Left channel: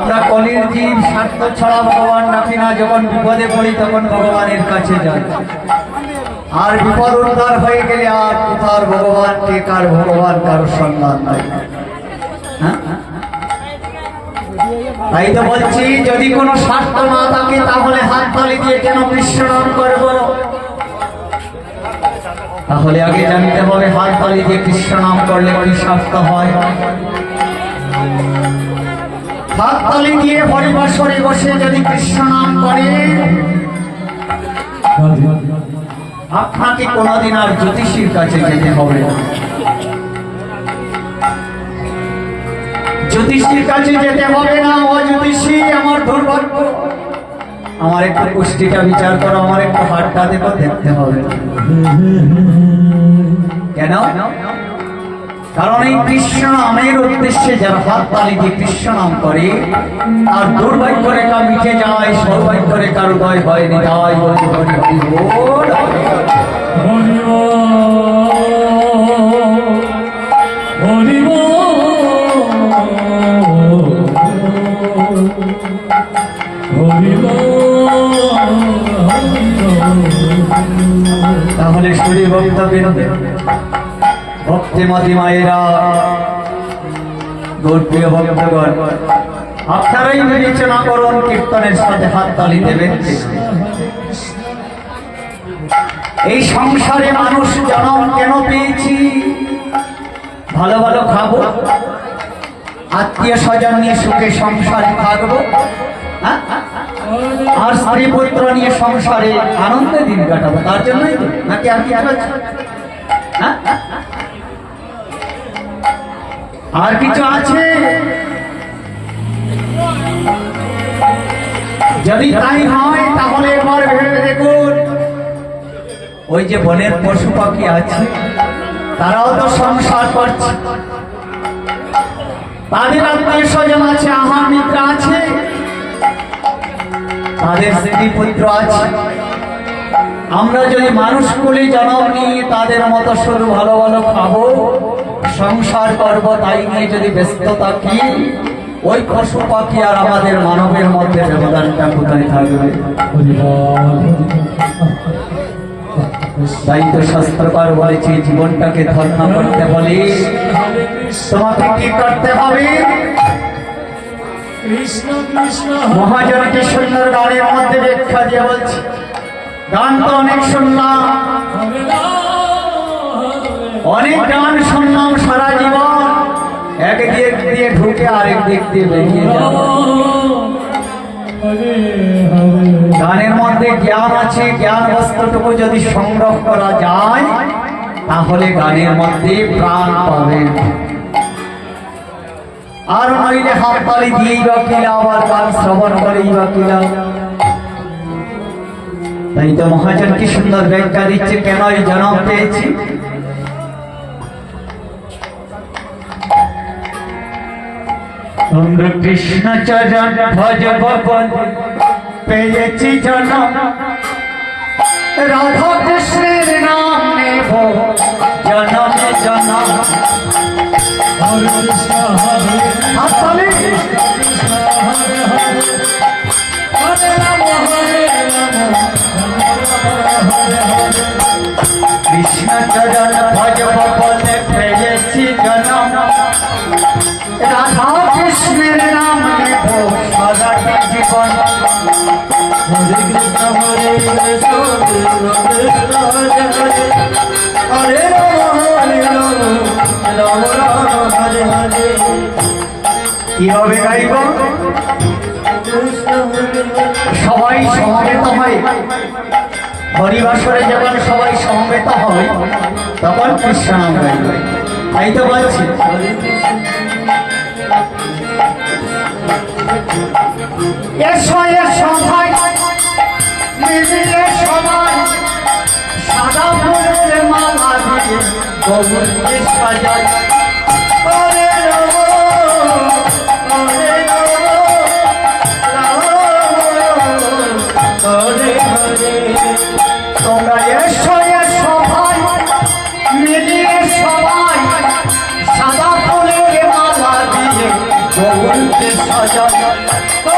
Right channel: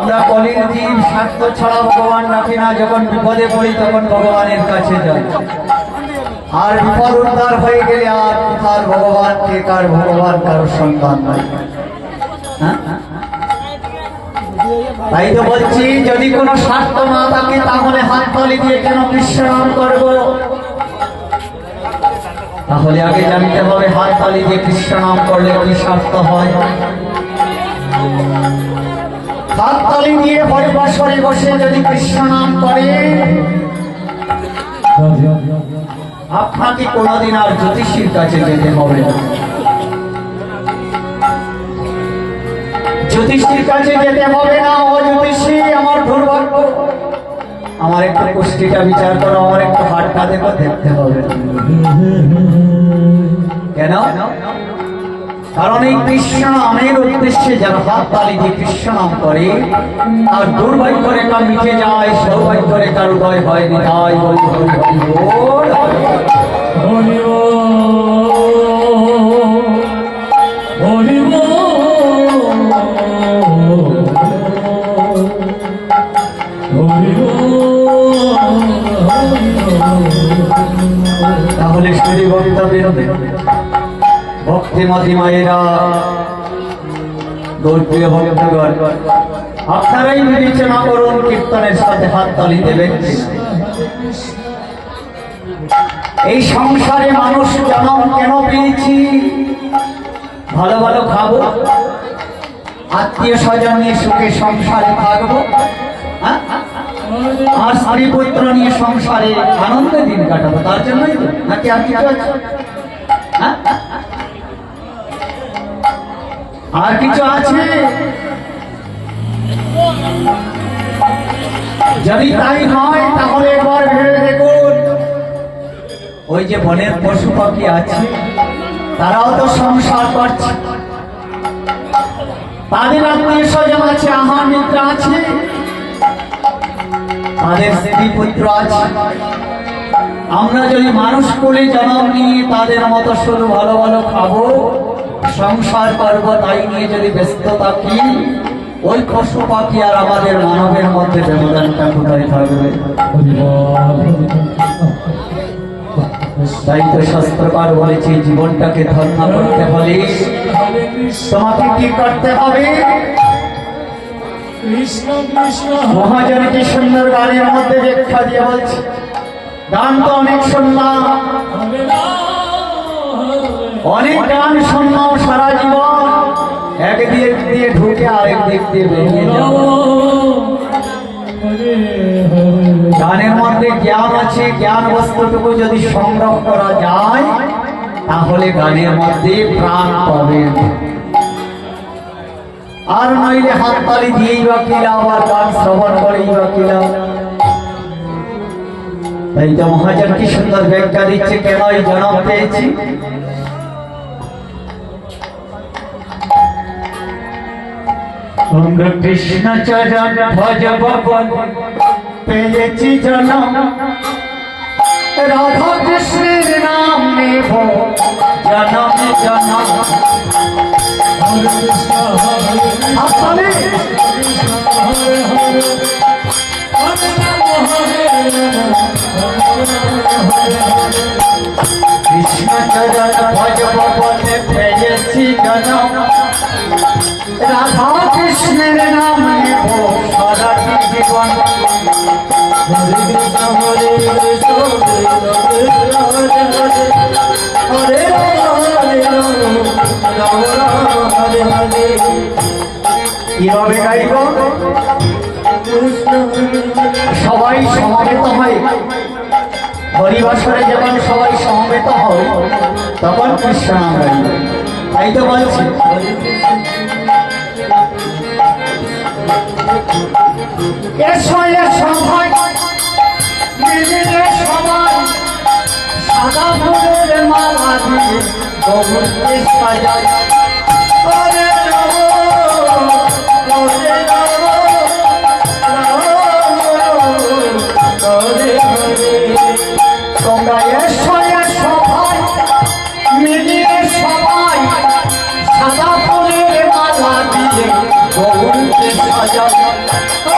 আমরা কলির জীব স্বার্থ ছাড়া ভগবান রাখি না। যখন বিপদে পড়ি তখন ভগবানের কাছে যাই, আর বিপদ উদ্ধার হয়ে গেলে আর কোথার ভগবান কে কার ভগবান কারোর সন্ধান নাই। তাই তো বলছি, যদি কোনো স্বার্থ না থাকে তাহলে হাত তালি দিয়ে কেন বিশ্রাম করব? তাহলে আগে জানতে হবে হাত তালি দিয়ে কৃষ্ণ নাম করলে কি স্বার্থ হয়। হাত তালি দিয়ে পরিবাসরে বসে যদি কৃষ্ণ নাম করে, আপনাকে কোনদিন আর জ্যোতিষীর কাছে যেতে হবে না। জ্যোতিষীর কাছে যেতে হবে না। ও জ্যোতিষী, আমার দুর্ভাগ্য, আমার একটু পুষ্টিটা বিচার করো, আমার একটু হাতটা দেখো, দেখতে হবে। কেন? কারণ এই কৃষ্ণ নামের উদ্দেশ্যে যারা হাত তালি দিয়ে কৃষ্ণ নাম করে, আর দুর্ভাগ্য রেখা মিটে যায়, সৌভাগ্য রেখার উদয় হয় নিতাই বলি হরি হরি বল। তাহলে শুধু বক্তব্য ভক্তি মাতি মায়েরা, গৌরপ্রিয় ভক্তগণ, আপনারাই বিবেচনা করুন কীর্তনের সাথে হাত তালি দেবেন। এই সংসারে মানুষ জন্ম কেন পেয়েছি? ভালো ভালো খাবো, আত্মীয় স্বজন নিয়ে সুখে সংসারে থাকবো, আর স্ত্রী পুত্র নিয়ে সংসারে আনন্দে দিন কাটাবো, তার জন্যই তো, নাকি আর কিছু আছে? আর কিছু আছে? যদি তাই হয় তাহলে এবার ভেবে দেখুন, ওই যে বনের পশু পাখি আছে, তারাও তো সংসার করছে, তাদের আত্মীয় স্বজন আছে, আহার মিত্র আছে, তাদের স্ত্রী পুত্র আছে। আমরা যদি মানুষ কোলে জন্ম নিয়ে তাদের মতো শুরু ভালো ভালো খাবো, সংসার করবো, তাই নিয়ে যদি ব্যস্ত থাকি, ওই পশু পাখি আর আমাদের মানবের মধ্যে ব্যবধানটা কোথায় থাকবে? তাই তো শাস্ত্রকার বলেছে, জীবনটাকে ধন্য করতে হলে তোমাকে কি করতে হবে? মহাজনকে সুন্দর গানের মধ্যে ব্যাখ্যা দিয়ে বলছে, গান তো অনেক শুনলাম, অনেক গান শুনলাম সারা জীবন, এক দিক দিয়ে ঢুকে আরেক দিক দিয়ে বেরিয়ে যাব। গানের মধ্যে জ্ঞান আছে, জ্ঞান বস্তুটুকু যদি সংগ্রহ করা যায় তাহলে গানের মধ্যে প্রাণ পাবে, আর নইলে হাত তালি দিয়েই বা কিনা, আবার গান শ্রবণ করেই বা কিনা। তাই তো মহাজন কি সুন্দর ব্যাখ্যা দিচ্ছে কেন এই জন্ম পেয়েছি। কৃষ্ণ চরণ ভজব পেয়েছি জন্ম, রাধা কৃষ্ণের নাম নেব জনমে জনম। হরে কৃষ্ণ হরে কৃষ্ণ চরণ ভজব পেয়েছি জনম, রাধা কৃষ্ণের নাম নেব সারাটি জীবন। হরে কৃষ্ণ হরে কৃষ্ণ হরে হরে হরে হরে। কিভাবে গাইব? সবাই সমবেত হয়, হরিবাসরে যখন সবাই সমবেত হয় তখন কৃষ্ণ নাম গাইবে। তাই তো বলছি, এসো এসো ভাই মিলিয়ে সবাই, সাদা ফুলের মালা দিয়ে গৌরকে সাজাই। করে নব করে নব করে করে, তোমরা এসো এসো ভাই মিলিয়ে সবাই, সাদা ফুলের মালা দিয়ে গৌরকে সাজাই। তো